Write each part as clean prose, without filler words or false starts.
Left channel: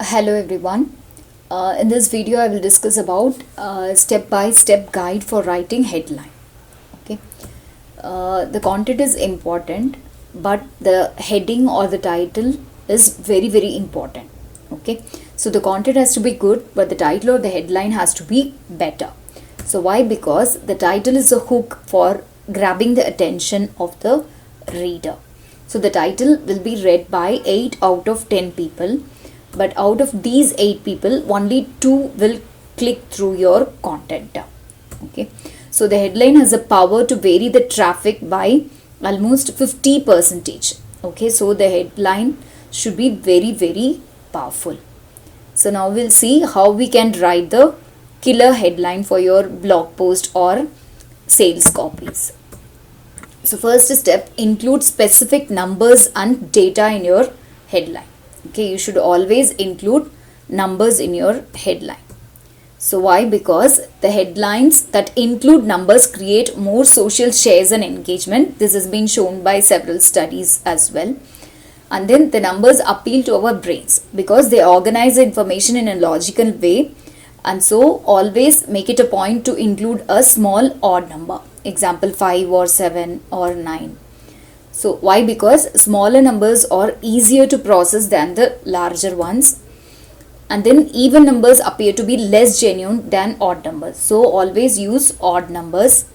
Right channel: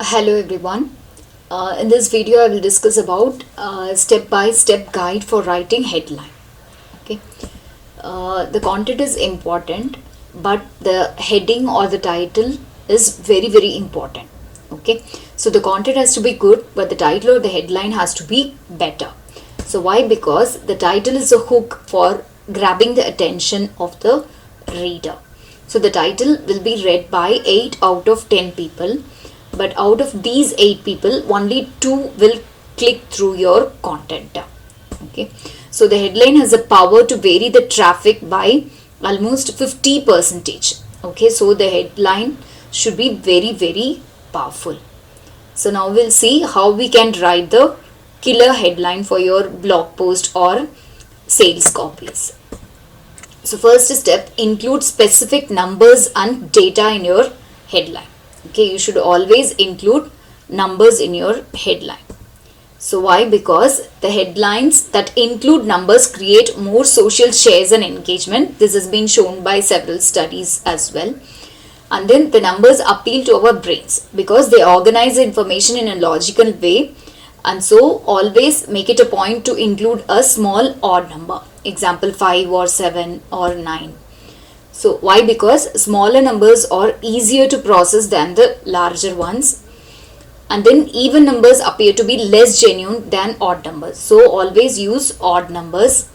Hello everyone. In this video, I will discuss about step-by-step guide for writing headline. Okay. The content is important, but the heading or the title is very important. Okay. So the content has to be good, but the title or the headline has to be better. So why? Because the title is a hook for grabbing the attention of the reader. So the title will be read by 8 out of 10 people, but out of these 8 people, only 2 will click through your content. Okay, so the headline has the power to vary the traffic by almost 50%. Okay, so the headline should be very powerful. So now we'll see how we can write the killer headline for your blog post or sales copies. So first step, include specific numbers and data in your headline. Okay, you should always include numbers in your headline. So why? Because the headlines that include numbers create more social shares and engagement. This has been shown by several studies as well. And then the numbers appeal to our brains because they organize the information in a logical way. And so always make it a point to include a small odd number. Example 5 or 7 or 9. So why? Because smaller numbers are easier to process than the larger ones. And then even numbers appear to be less genuine than odd numbers. So always use odd numbers.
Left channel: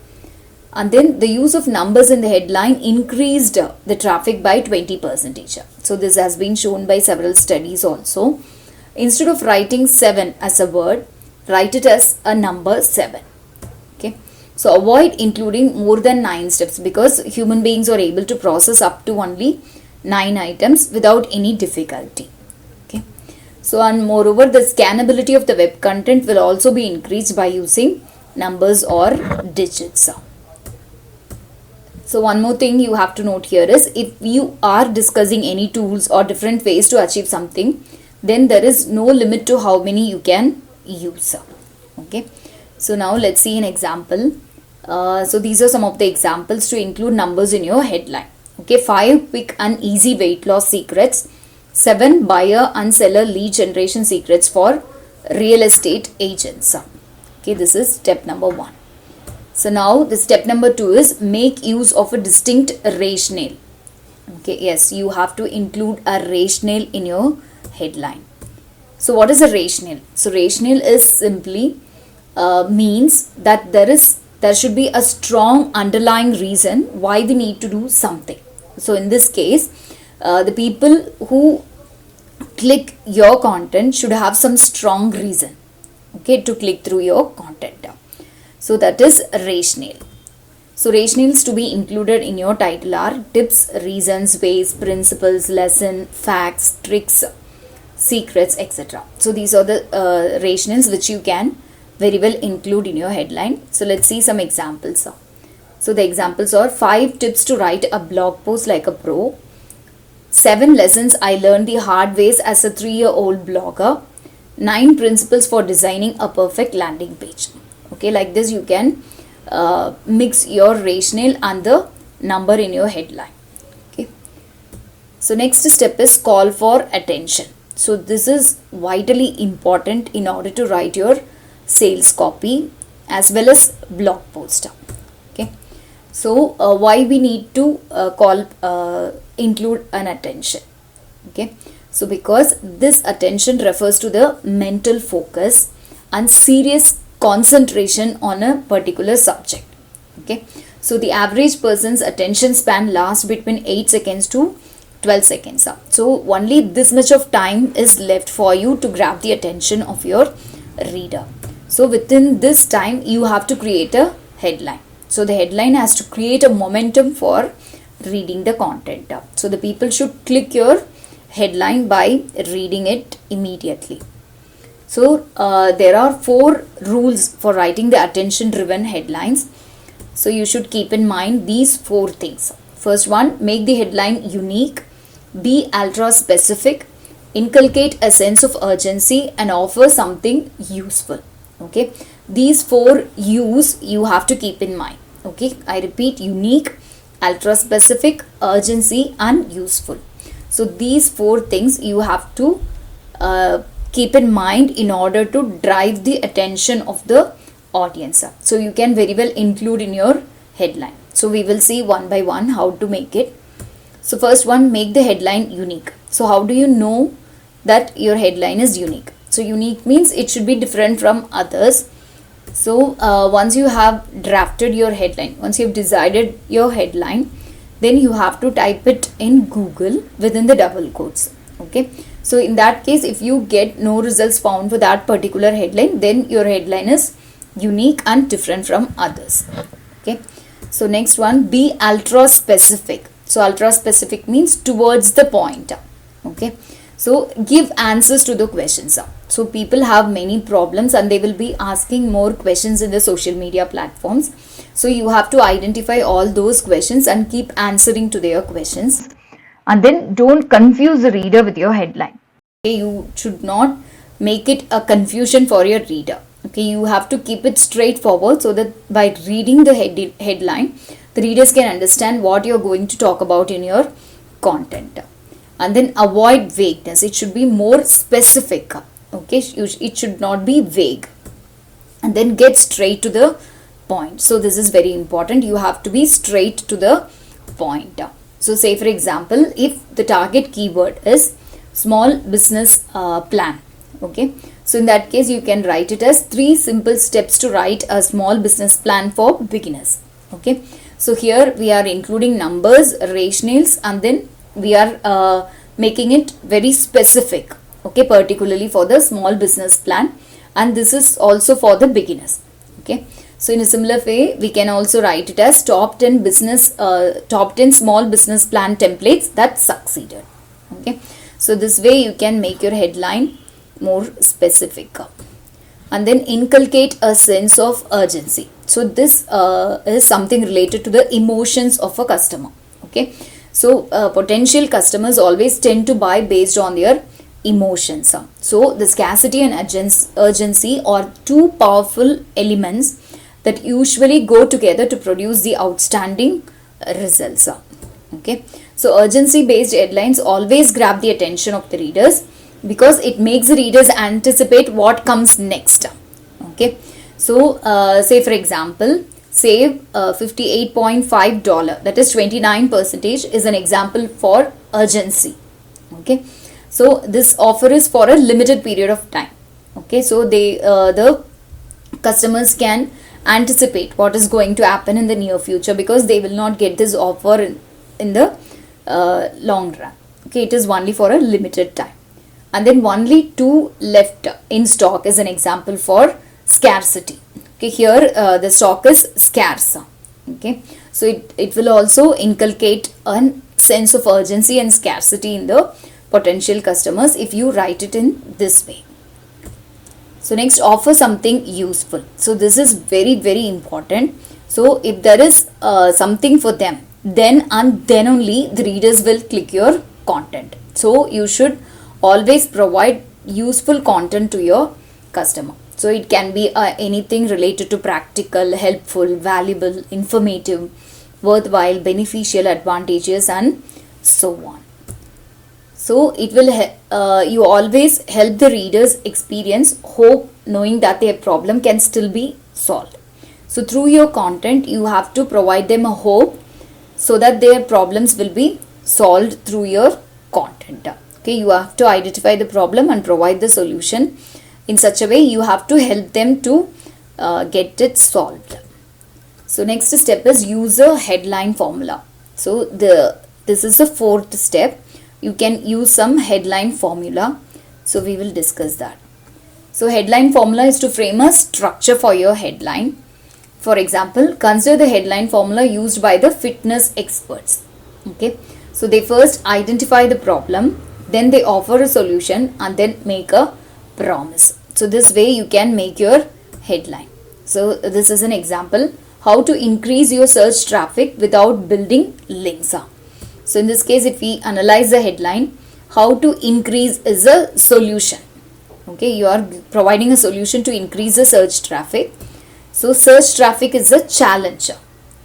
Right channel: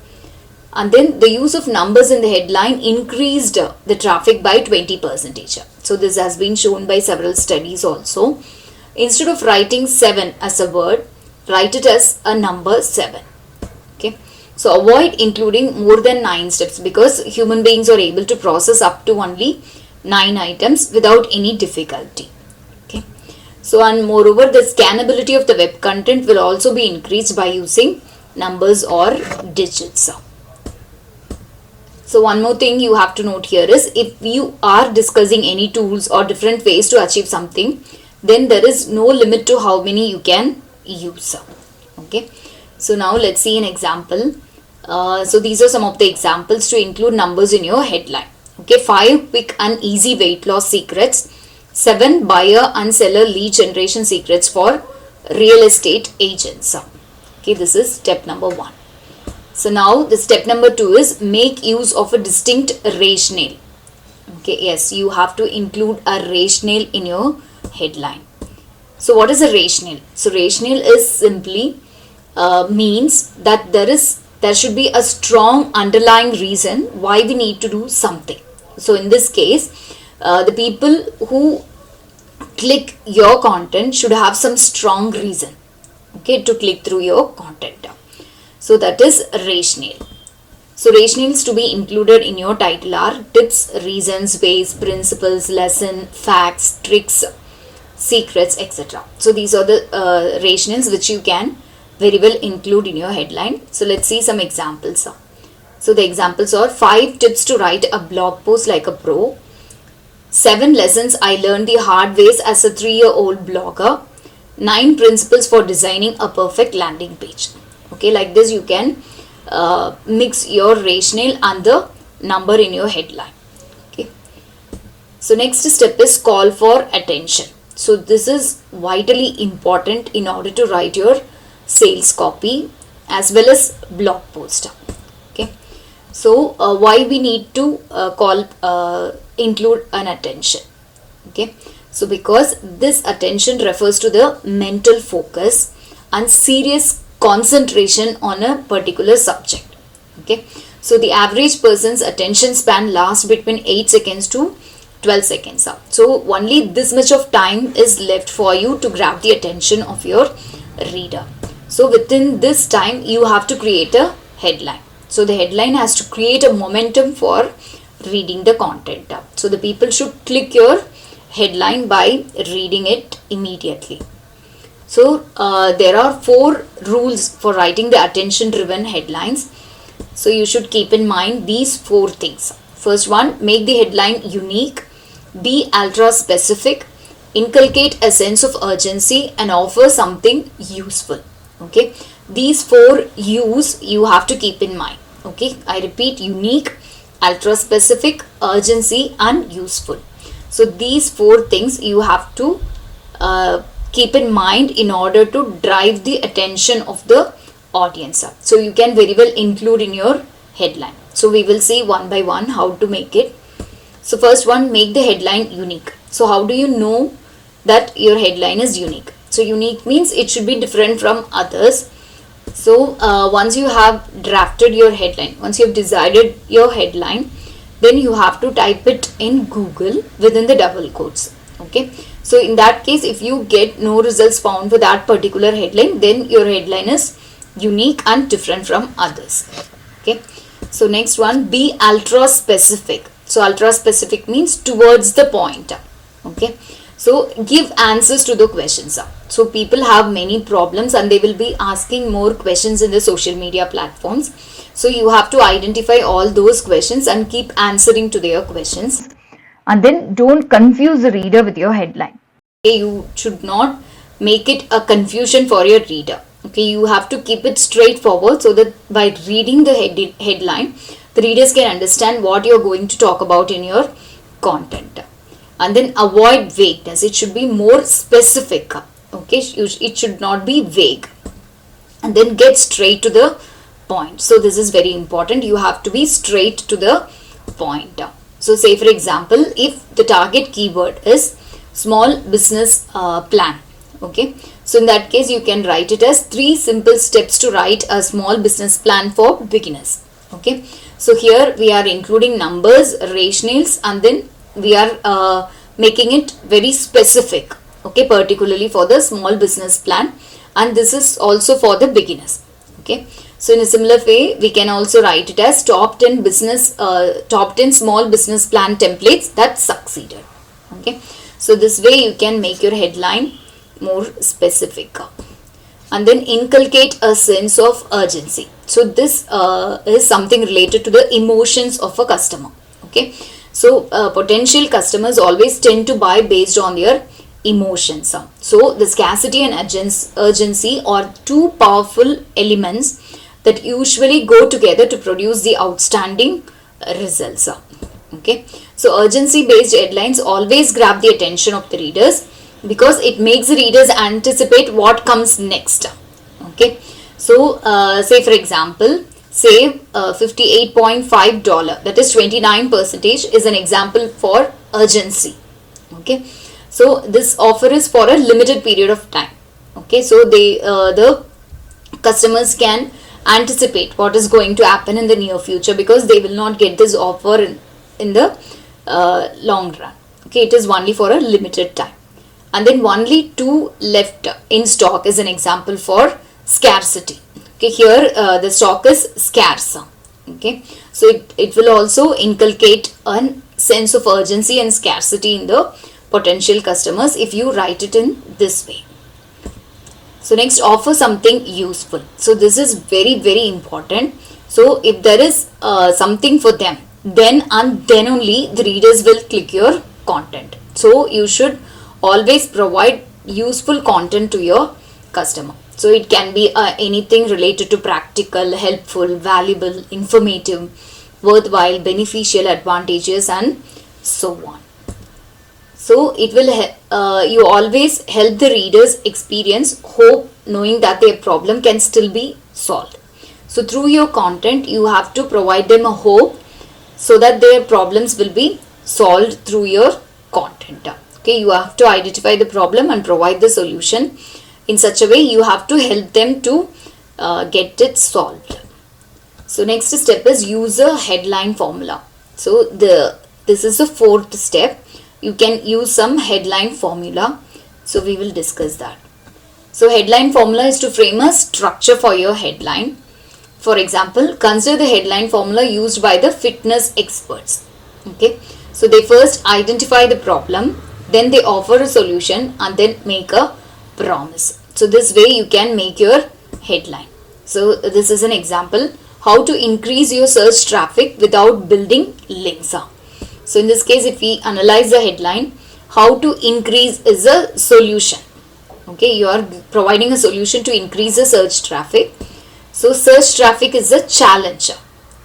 And then the use of numbers in the headline increased the traffic by 20%. So this has been shown by several studies also. Instead of writing 7 as a word, write it as a number 7. Okay. So avoid including more than 9 steps because human beings are able to process up to only 9 items without any difficulty. Okay. So and moreover, the scannability of the web content will also be increased by using numbers or digits. So one more thing you have to note here is if you are discussing any tools or different ways to achieve something, then there is no limit to how many you can use. Okay. So now let's see an example. So these are some of the examples to include numbers in your headline. Okay, 5 quick and easy weight loss secrets, 7 buyer and seller lead generation secrets for real estate agents. Okay, this is step number 1. So now the step number 2 is make use of a distinct rationale. Okay, yes, you have to include a rationale in your headline. So what is a rationale? So rationale is simply means that there should be a strong underlying reason why we need to do something. So in this case, the people who click your content should have some strong reason, okay, to click through your content. So that is rationale. So rationales to be included in your title are tips, reasons, ways, principles, lesson, facts, tricks, secrets, etc. So these are the rationales which you can very well include in your headline. So let's see some examples. So the examples are 5 tips to write a blog post like a pro, 7 lessons I learned the hard ways as a 3-year-old blogger, 9 principles for designing a perfect landing page. Okay, like this you can mix your rationale and the number in your headline. Okay. So next step is call for attention. So this is vitally important in order to write your sales copy as well as blog post. Okay. So why we need to include an attention. Okay. So because this attention refers to the mental focus and serious concentration on a particular subject. Okay. So the average person's attention span lasts between 8 seconds to 12 seconds. So only this much of time is left for you to grab the attention of your reader. So within this time you have to create a headline. So the headline has to create a momentum for reading the content. So the people should click your headline by reading it immediately. So there are 4 rules for writing the attention driven headlines. So you should keep in mind these 4 things. First one, make the headline unique, be ultra specific, inculcate a sense of urgency and offer something useful. Okay, these 4 U's you have to keep in mind. Okay, I repeat, unique, ultra specific, urgency and useful. So these 4 things you have to keep in mind in order to drive the attention of the audience. So you can very well include in your headline. So we will see one by one how to make it. So first one, make the headline unique. So how do you know that your headline is unique? So unique means it should be different from others. So once you have drafted your headline, once you have decided your headline, then you have to type it in Google within the double quotes. Okay. So in that case, if you get no results found for that particular headline, then your headline is unique and different from others. Okay. So next one, be ultra specific. So ultra specific means towards the point. Okay. So give answers to the questions. So people have many problems and they will be asking more questions in the social media platforms. So you have to identify all those questions and keep answering to their questions. And then don't confuse the reader with your headline. Okay, you should not make it a confusion for your reader. Okay, you have to keep it straightforward so that by reading the headline, the readers can understand what you're going to talk about in your content. And then avoid vagueness. It should be more specific. Okay, it should not be vague. And then get straight to the point. So this is very important. You have to be straight to the point. So say for example, if the target keyword is small business plan. Okay, so in that case you can write it as 3 simple steps to write a small business plan for beginners. Okay, so here we are including numbers, rationales, and then we are making it very specific. Okay, particularly for the small business plan, and this is also for the beginners. Okay, so in a similar way we can also write it as top 10 small business plan templates that succeeded. Okay, so this way you can make your headline more specific. And then inculcate a sense of urgency. So this is something related to the emotions of a customer. Okay, so potential customers always tend to buy based on their emotions. So the scarcity and urgency are two powerful elements that usually go together to produce the outstanding results. Okay, so urgency based headlines always grab the attention of the readers because it makes the readers anticipate what comes next. Okay, so say for example, save $58.5, that is 29%, is an example for urgency. Okay, so this offer is for a limited period of time. Okay, so the customers can anticipate what is going to happen in the near future because they will not get this offer in the long run. Okay, it is only for a limited time. And then only 2 left in stock is an example for scarcity. Okay, here the stock is scarce. Okay, so it will also inculcate a sense of urgency and scarcity in the potential customers if you write it in this way. So next, offer something useful. So this is very, very important. So if there is something for them, then and then only the readers will click your content. So you should always provide useful content to your customer. So it can be anything related to practical, helpful, valuable, informative, worthwhile, beneficial, advantageous, and so on. So it will you always help the readers experience hope, knowing that their problem can still be solved. So through your content, you have to provide them a hope so that their problems will be solved through your content. Okay, you have to identify the problem and provide the solution. In such a way, you have to help them to get it solved. So next step is use a headline formula. So this is the 4th step. You can use some headline formula. So we will discuss that. So headline formula is to frame a structure for your headline. For example, consider the headline formula used by the fitness experts. Okay, so they first identify the problem, then they offer a solution, and then make a promise. So this way you can make your headline. So this is an example, how to increase your search traffic without building links. So in this case, if we analyze the headline, how to increase is a solution. Okay, you are providing a solution to increase the search traffic. So search traffic is a challenge.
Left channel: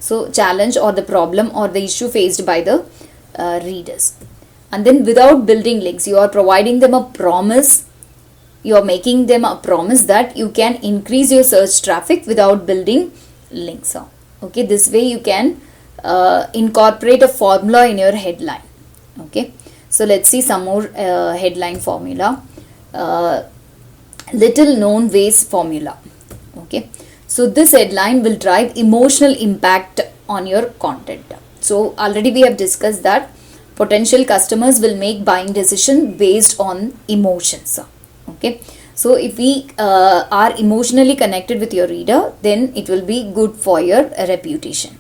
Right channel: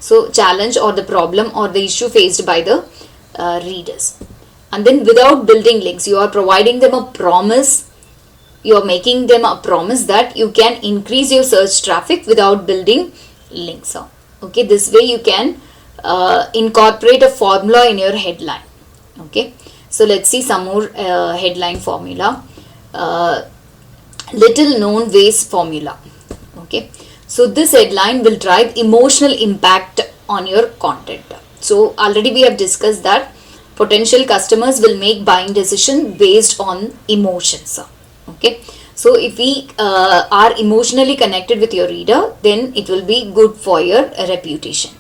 So challenge or the problem or the issue faced by the readers. And then without building links, you are providing them a promise. you're making them a promise that you can increase your search traffic without building links. Okay, this way you can incorporate a formula in your headline. Okay, so let's see some more headline formula. Little known ways formula. Okay, so this headline will drive emotional impact on your content. So already we have discussed that potential customers will make buying decision based on emotions. Okay, so if we are emotionally connected with your reader, then it will be good for your reputation.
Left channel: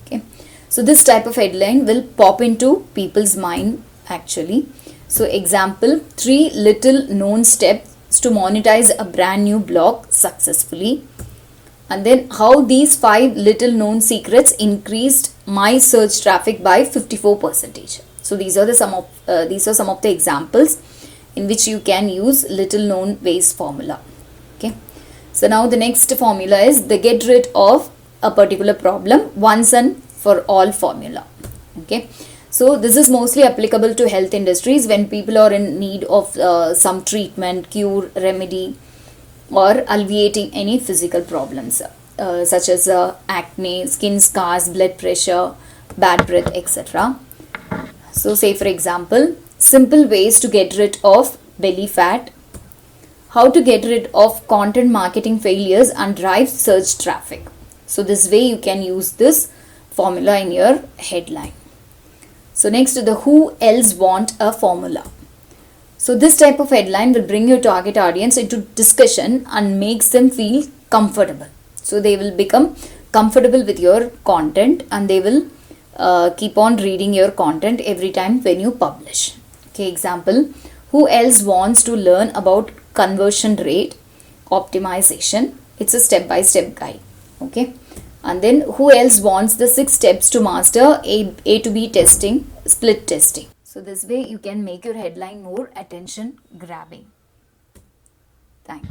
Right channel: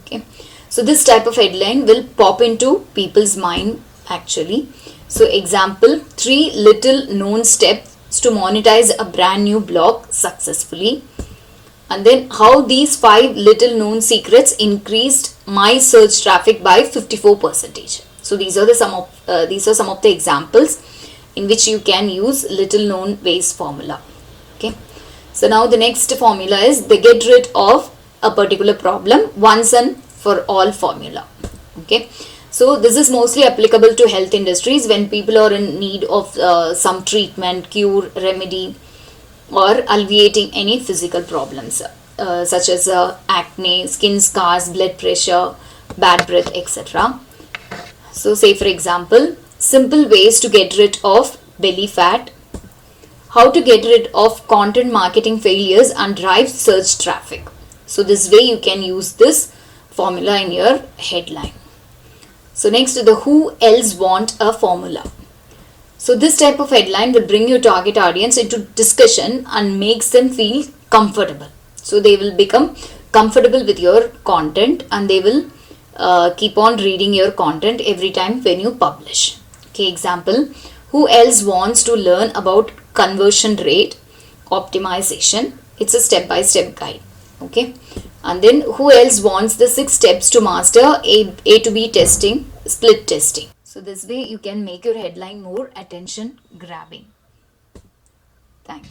Okay, so this type of headline will pop into people's mind actually. So example, 3 little known steps to monetize a brand new blog successfully. And then how these 5 little known secrets increased my search traffic by 54%. So these are some of the examples in which you can use little known ways formula. Okay, so now the next formula is the get rid of a particular problem once and for all formula. Okay, so this is mostly applicable to health industries when people are in need of some treatment, cure, remedy, or alleviating any physical problems such as acne, skin scars, blood pressure, bad breath, etc. So say for example, simple ways to get rid of belly fat, how to get rid of content marketing failures and drive search traffic. So this way you can use this formula in your headline. So next, the who else want a formula. So this type of headline will bring your target audience into discussion and makes them feel comfortable. So they will become comfortable with your content and they will keep on reading your content every time when you publish. Okay, example, who else wants to learn about conversion rate optimization? It's a step-by-step guide. Okay, and then who else wants the 6 steps to master A to B testing, split testing? So this way you can make your headline more attention grabbing. Thank you.